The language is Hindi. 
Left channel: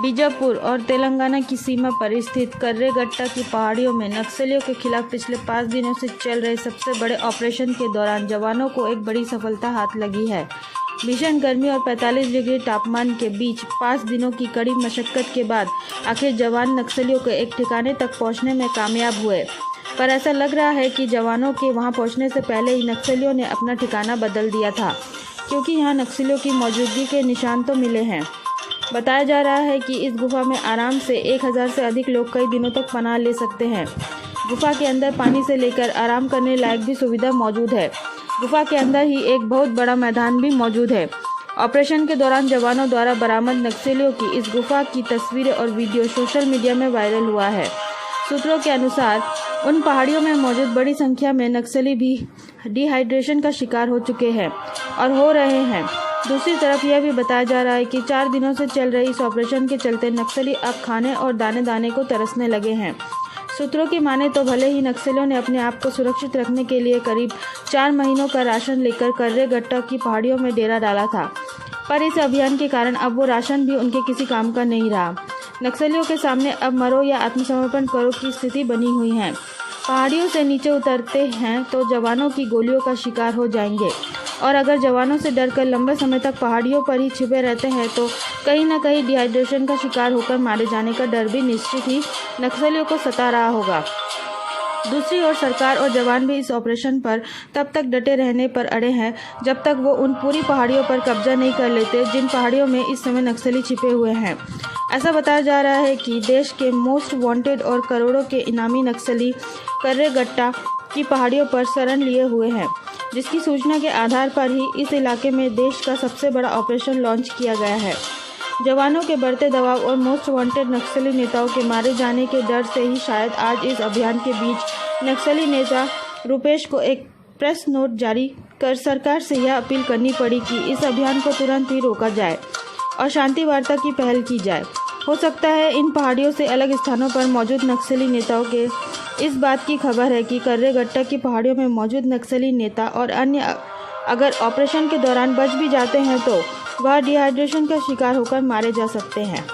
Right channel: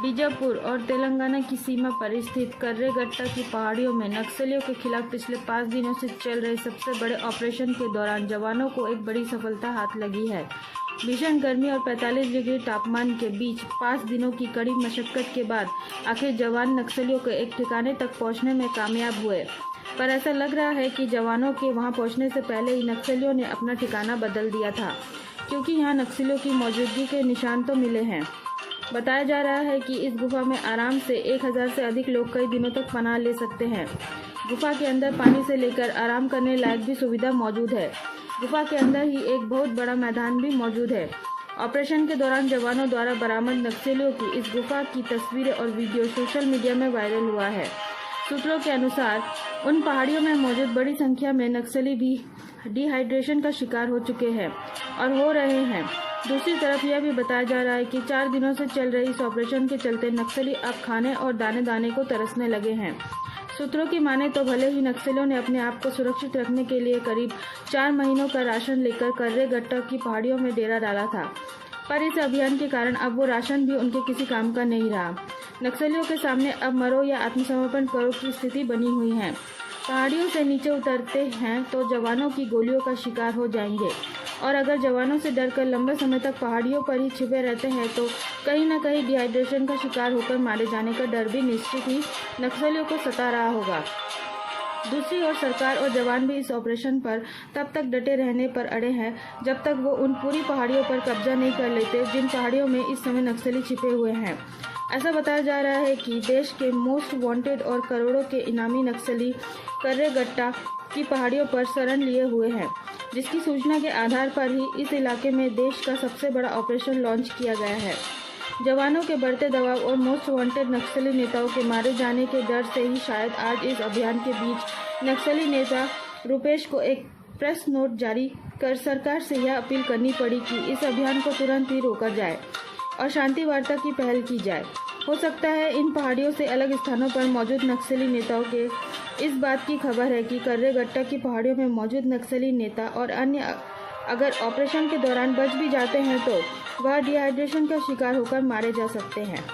बीजापुर और तेलंगाना की सीमा पर स्थित कर्रेगट्टा की पहाड़ियों में नक्सलियों के खिलाफ पिछले 5 दिनों से चल रहे सबसे बड़े ऑपरेशन के दौरान जवानों को एक बड़ी सफलता हाथ लगी है। भीषण गर्मी और 45 डिग्री तापमान के बीच 5 दिनों की कड़ी मशक्कत के बाद आखिर जवान नक्सलियों के एक ठिकाने तक पहुंचने में कामयाब हुए। पर ऐसा लग रहा है कि जवानों के वहां पहुंचने से पहले ही नक्सलियों ने अपना ठिकाना बदल दिया था, क्योंकि यहां नक्सलियों की मौजूदगी के निशान तो मिले हैं। बताया जा रहा है कि इस गुफा में आराम से 1000 से अधिक लोग कई दिनों तक पनाह ले सकते हैं। गुफा के अंदर पानी से लेकर आराम करने लायक भी सुविधा मौजूद है। गुफा के अंदर ही एक बहुत बड़ा मैदान भी मौजूद है। ऑपरेशन के दौरान जवानों द्वारा बरामद नक्सलियों की इस गुफा की तस्वीरें और वीडियो सोशल मीडिया में वायरल हुआ है। सूत्रों के अनुसार उन पहाड़ियों में मौजूद बड़ी संख्या में नक्सली भी डिहाइड्रेशन का शिकार हो चुके हैं और हो रहे हैं। दूसरी तरफ यह भी बताया जा रहा है कि 4 दिनों से चल रही इस ऑपरेशन के चलते नक्सली अब खाने और दाने दाने को तरसने लगे हैं। सूत्रों की माने तो भले ही नक्सलियों ने अपने आप को सुरक्षित रखने के लिए करीब 4 महीनों का राशन लेकर कर्रेगट्टा की पहाड़ियों में डेरा डाला था, पर इस अभियान के कारण अब वो राशन भी उनके किसी काम का नहीं रहा। नक्सलियों के सामने अब मरो या आत्मसमर्पण करो की स्थिति बनी हुई है। पहाड़ियों से नीचे उतरते हैं तो जवानों की गोलियों का शिकार हो जाएंगे, और अगर जवानों से डरकर लंबे समय तक पहाड़ियों पर ही छिपे रहते हैं तो कहीं न कहीं डिहाइड्रेशन का शिकार होकर मारे जाने का डर भी निश्चित ही नक्सलियों को सता रहा होगा। दूसरी ओर सरकार और जवान भी इस ऑपरेशन पर तब तक डटे रहने पर अड़े हैं जब तक वो उन पूरी पहाड़ियों पर कब्जा नहीं कर लेते जिन पहाड़ियों में इस समय नक्सली छिपे हुए हैं। ऐसा बताया जा रहा है कि देश के मोस्ट वांटेड और करोड़ों के इनामी नक्सली कर्रेगट्टा की पहाड़ियों पर शरण लिए हुए हैं, जिसकी सूचना के आधार पर ही इस इलाके में देश का सबसे बड़ा ऑपरेशन लॉन्च किया गया है। जवानों के बढ़ते दबाव और मोस्ट वांटेड नक्सली नेताओं के मारे जाने के डर से ही शायद आज इस अभियान के बीच नक्सली नेता रूपेश को एक प्रेस नोट जारी कर सरकार से यह अपील करनी पड़ी कि इस अभियान को तुरंत ही रोका जाए और शांति वार्ता की पहल की जाए। हो सकता है इन पहाड़ियों से अलग स्थानों पर मौजूद नक्सली नेताओं के इस बात की खबर है कि कर्रेगट्टा की पहाड़ियों में मौजूद नक्सली नेता और अन्य अगर ऑपरेशन के दौरान बच भी जाते हैं तो वह डिहाइड्रेशन का शिकार होकर मारे जा सकते हैं।